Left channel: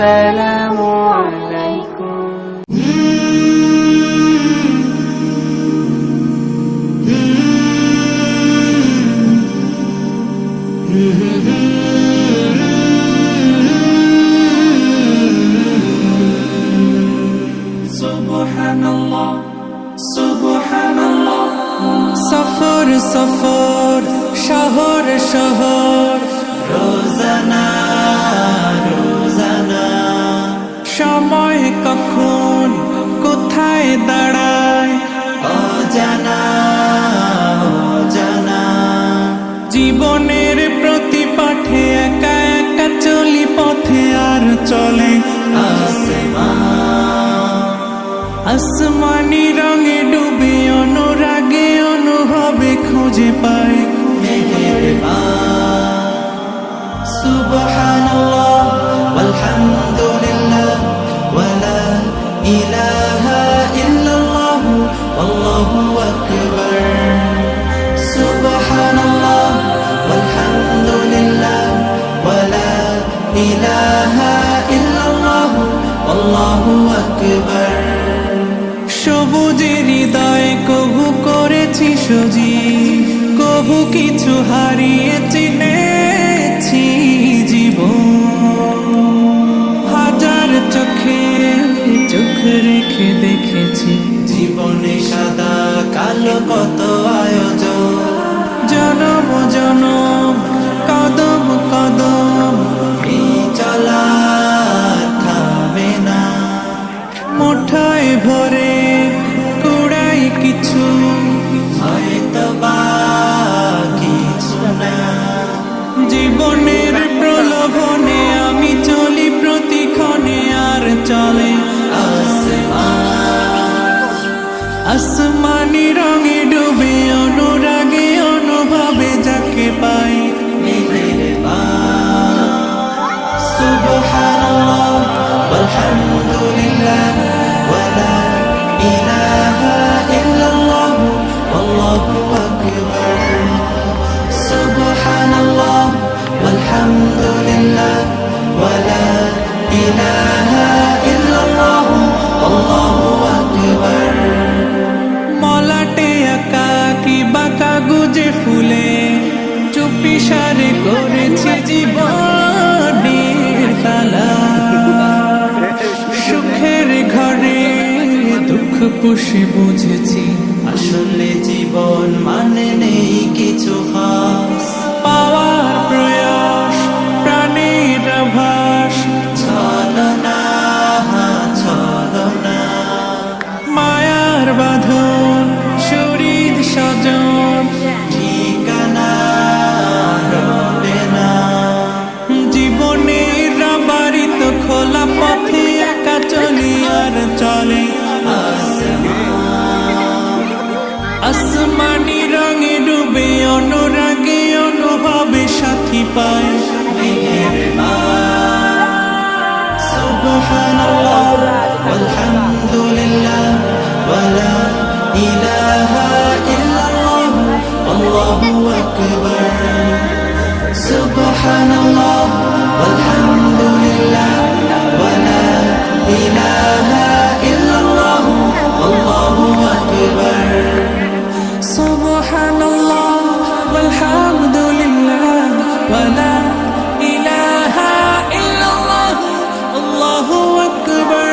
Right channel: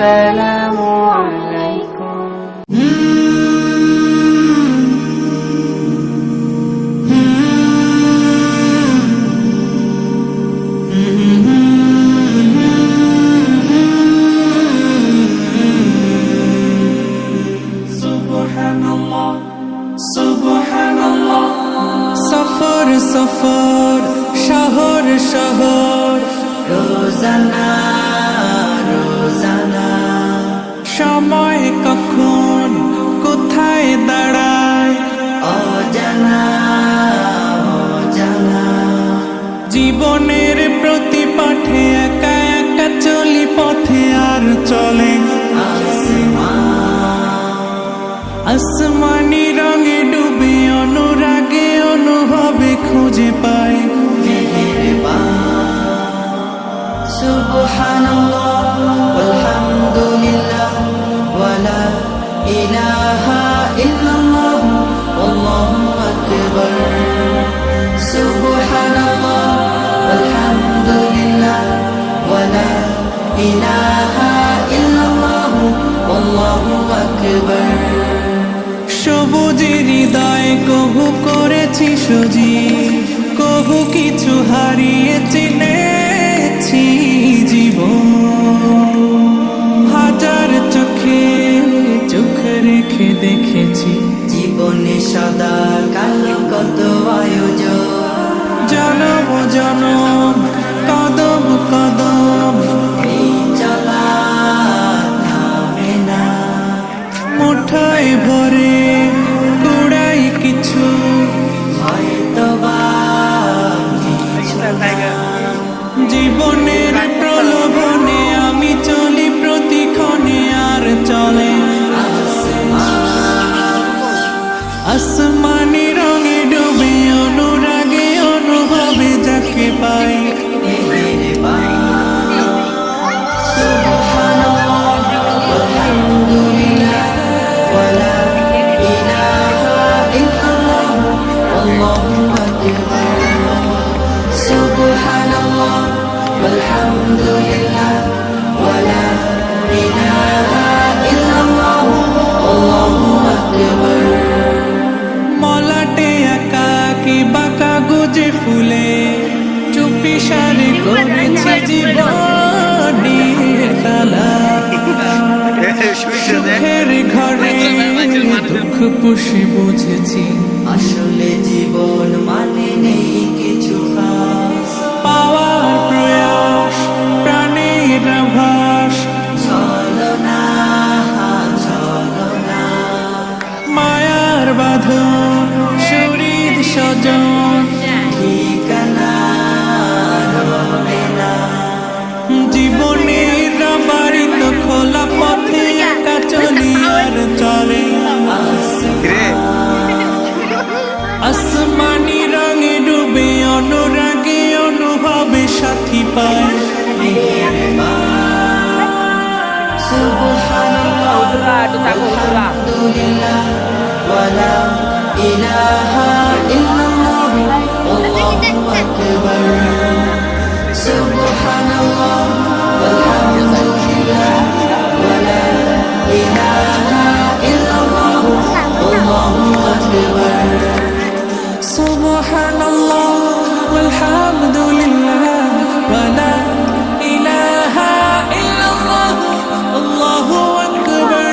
আসসালামু আলাইকুম। সফর সফর শহর শহর রোজানা রোজানা সময় কখন কোথায় দাঁড়ায় অজানা অজানা জীবনের প্রতি পাঠে একা একা চলি পথে আর চলে আসমানি রঙে ডুবে অনুরাগে অনুভবে খুঁজে পাই সুবহানাল্লাহ ওয়ালহামদুলিল্লাহ ওয়ালা ইলাহা ইল্লাল্লাহ আল্লাহু আকবার সুবহানাল্লাহ ওয়ালহামদুলিল্লাহ ওয়ালা ইলাহা ইল্লাল্লাহ আল্লাহু আকবার সবুজের হৃদয়ে কভু করেছি সজীব কভু কিছু হারিয়ে চিনেছি জীবন হাজার চোখে চোখ রেখে দেখেছি জীবনে সাদা কালো কত আয়োজন জনম জনম কদম কদম এই চলা থামে না মুঠোয় ভরে কুড়াই কিছু হয়তো বাকি জীবনের প্রলোভনে আমি চলি প্রতিক্ষণে আর চলে আসমানি রঙে ডুবে অনুরাগে অনুভবে যাকে পাই আলহামদুলিল্লাহ ওয়ালা ইলাহা ইল্লাল্লাহ আল্লাহু আকবার মলাটে আঁকা কি বাঁকা গুজে ফুলে চুপি সারে করেছি জীবনের তালা সুখের ঘরে দুঃখ পুষে বুঝেছি আসলে জীবন মানে নেই কিছু পাওয়ার প্রয়াস প্রাণের আভাস ছলনা ছলনা মায়ার বাঁধন শরীর স্বজন ঠিকানা রবে না জীবনের বাড়িত খোলা পথে একা চলি আর চলে আসমানি রঙে ডুবে অনুরাগে অনুভবে সাথী পায় সুবহানাল্লাহ আলহামদুলিল্লাহ ওয়ালা ইলাহা ইল্লাল্লাহ আল্লাহু আকবার সুবহানাল্লাহ আলহামদুলিল্লাহ ওয়ালা ইলাহা ইল্লাল্লাহ আল্লাহু আকবার সুবহানাল্লাহ ওয়ালহামদুলিল্লাহ ওয়ালা ইলাহা ইল্লাল্লাহ আল্লাহু আকবার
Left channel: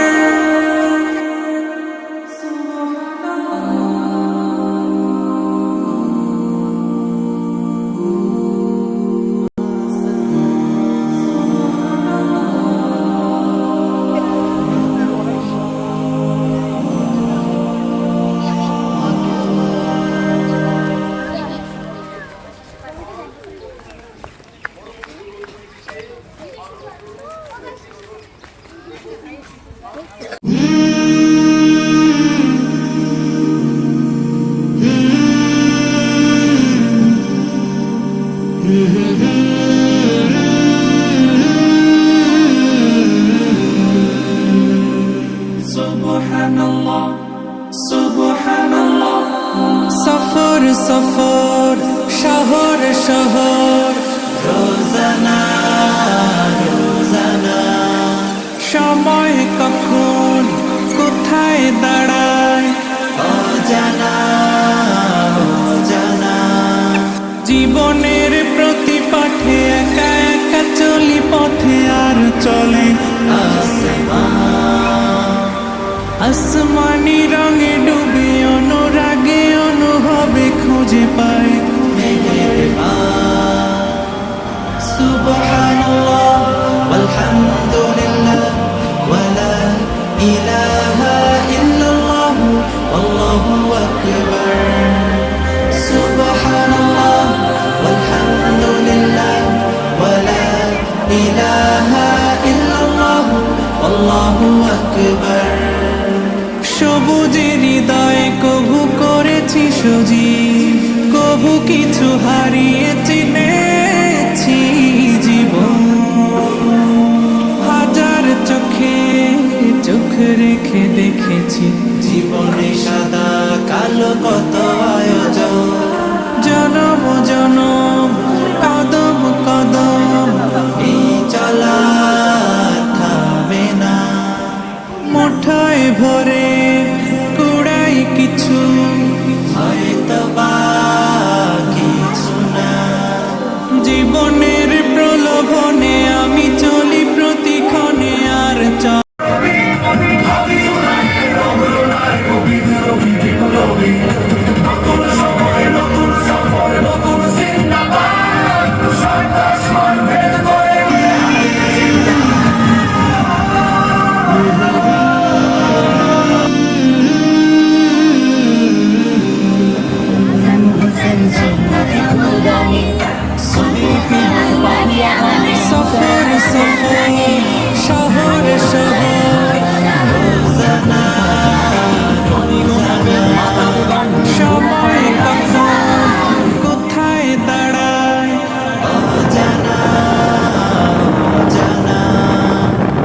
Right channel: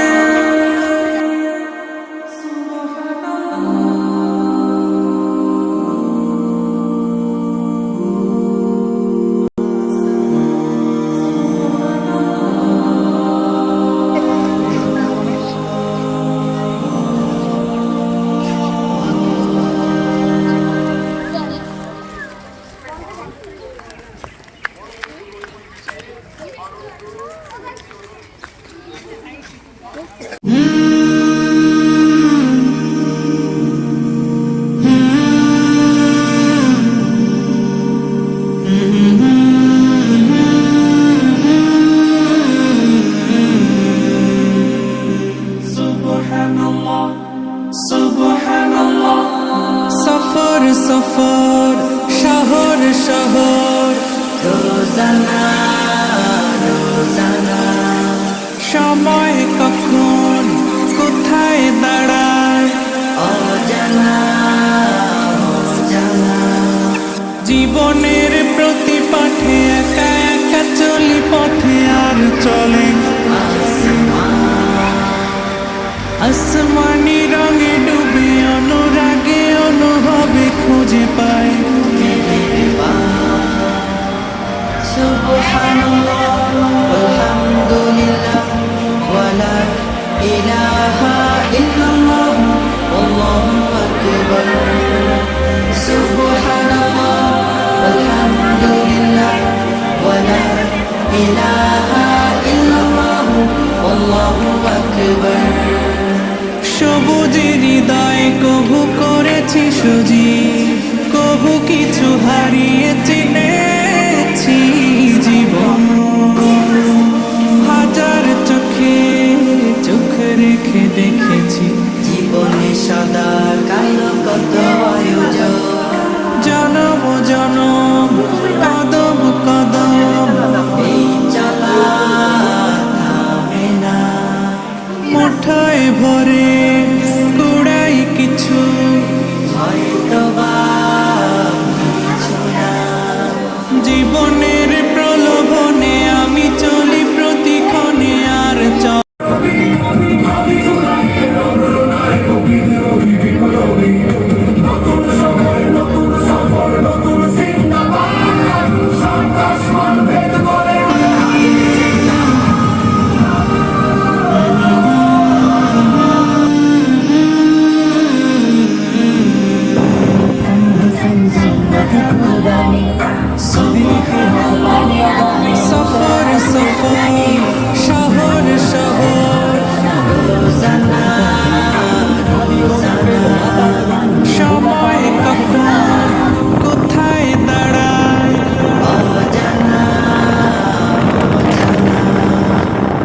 সফর সফর শহর শহর রোজানা রোজানা সময় কখন কোথায় দাঁড়ায় অজানা অজানা জীবনের প্রতি পাঠে একা একা চলি পথে আর চলে আসমানি রঙে ডুবে অনুরাগে অনুভবে খুঁজে পাই সুবহানাল্লাহ ওয়ালহামদুলিল্লাহ ওয়ালা ইলাহা ইল্লাল্লাহ আল্লাহু আকবার সুবহানাল্লাহ ওয়ালহামদুলিল্লাহ ওয়ালা ইলাহা ইল্লাল্লাহ আল্লাহু আকবার সবুজের হৃদয়ে কভু করেছি সজীব কভু কিছু হারিয়ে চিনেছি জীবন হাজার চোখে চোখ রেখে দেখেছি জীবনে সাদা কালো কত আয়োজন জনম জনম কদম কদম এই চলা থামবে না মুঠোয় ভরে কুড়াই কিছু হয়তো বা কিছু না জীবনের প্রলোভনে আমি চলি প্রতিক্ষণে আর সফর সফর শহর শহর সময় কখন কোথায় দাঁড়ায়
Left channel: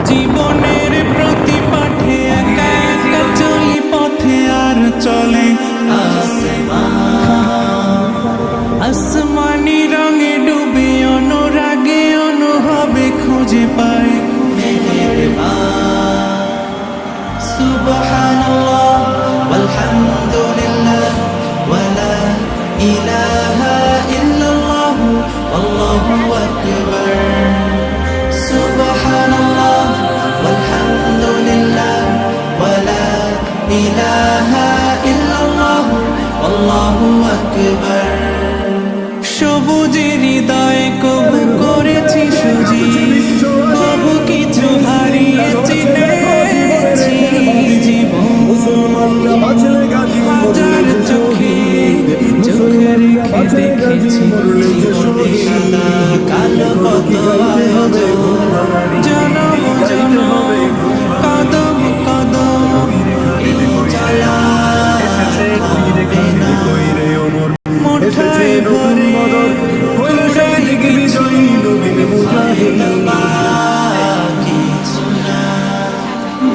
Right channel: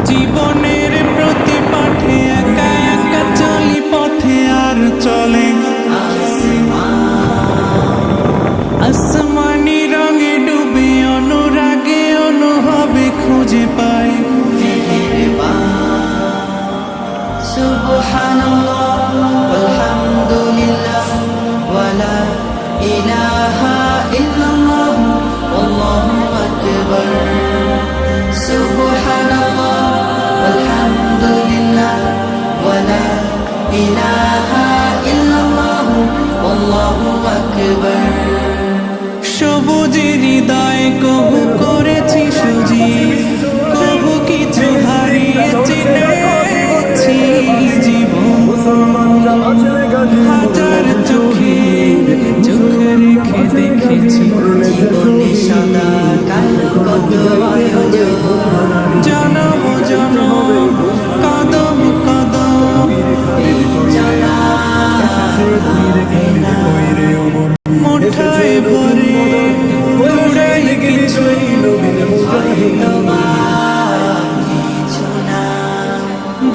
জীবনের প্রতি পাঠে একা একা চলি পথে আর চলে আসমানি রঙে ডুবে অনুরাগে অনুভবে খুঁজে পাই সুবহানাল্লাহ ওয়ালহামদুলিল্লাহ ওয়ালা ইলাহা ইল্লাল্লাহ আল্লাহু আকবার সুবহানাল্লাহ ওয়ালহামদুলিল্লাহ ওয়ালা ইলাহা ইল্লাল্লাহ আল্লাহু আকবার সবুজের হৃদয়ে কভু করেছি সজীব কভু কিছু হারিয়ে চিনেছি জীবন হাজার চোখে চোখ রেখে দেখেছি জীবনে সাদা কালো কত আয়োজন জনম জনম কদম কদম এই চলা থামবে না মুঠোয় ভরে কুড়াই কিছু হয়তো বা কিছু না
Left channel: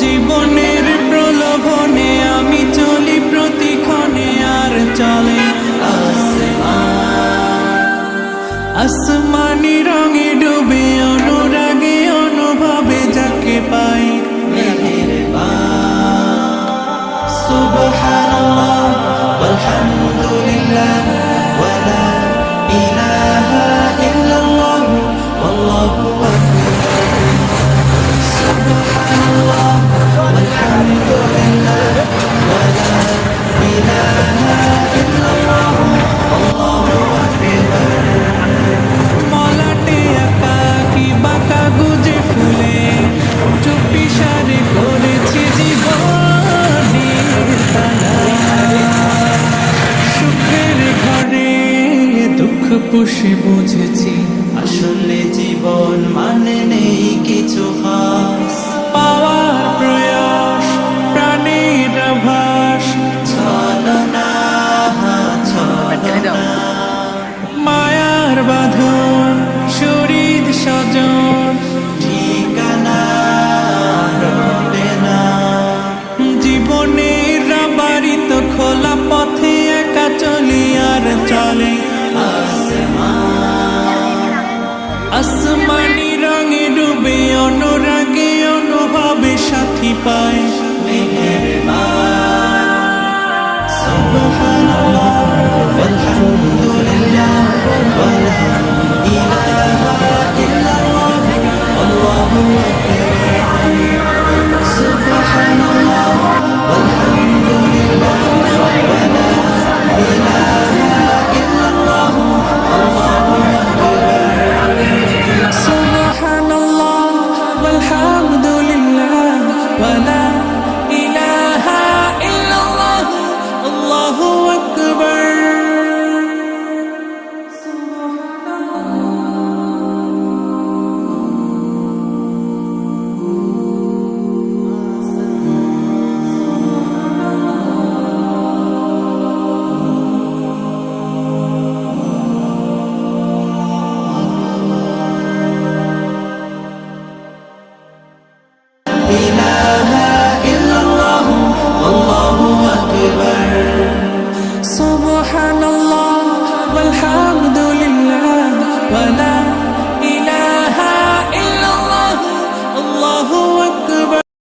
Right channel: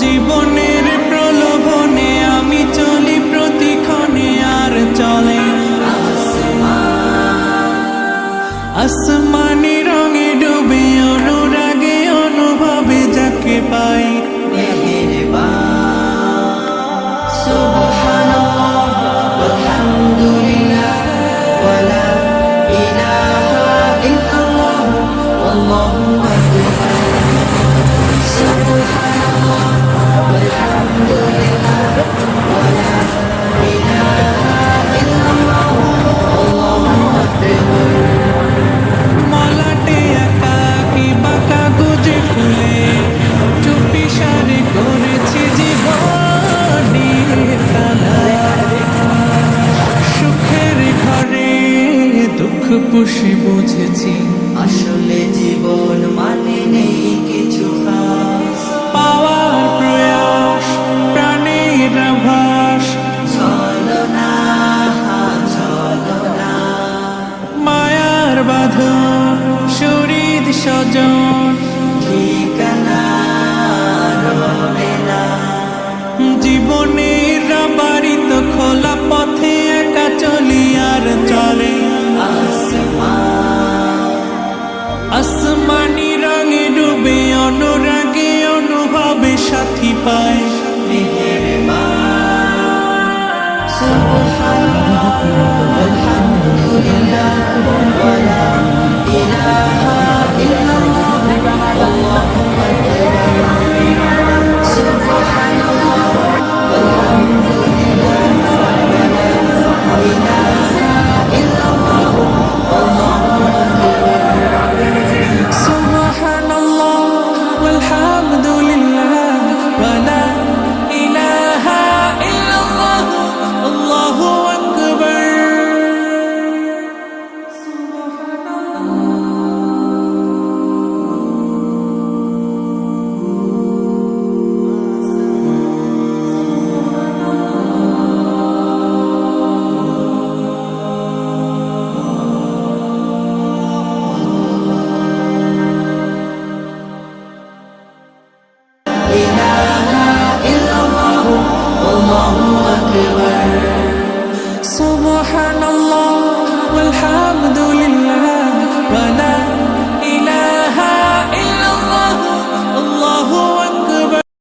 জীবনের প্রলোভনে আমি চলি প্রতিক্ষণে আর চলে আসমানি রঙে ডুবে অনুরাগে অনুভবে যাকে পাই সুবহানাল্লাহ ওয়ালহামদুলিল্লাহ ওয়ালা ইলাহা ইল্লাল্লাহ আল্লাহু আকবার সুবহানাল্লাহ ওয়ালহামদুলিল্লাহ ওয়ালা ইলাহা ইল্লাল্লাহ আল্লাহু আকবার মলাটে একাকি বাঁকা গুজে ফুলে চুপি সারে করেছি জীবনের তালা সুখের ঘরে দুঃখ পুষে বুঝেছি আসলে জীবন মানে নেই কিছু খাস পাওয়ার প্রয়াস প্রাণের আভাস চলো না চলো না মায়ার বাঁধন শরীর স্বজন ঠিকানা রবে না জীবনের বাড়িত খোলা পথে একা চলি আর চলে আসমানি রঙে ডুবে অনুরাগে অনুভব ভাবে সাথী পায়। সুবহানাল্লাহ ওয়ালহামদুলিল্লাহ ওয়ালা ইলাহা ইল্লাল্লাহ আল্লাহু আকবার। Subhanallah walhamdulillah wala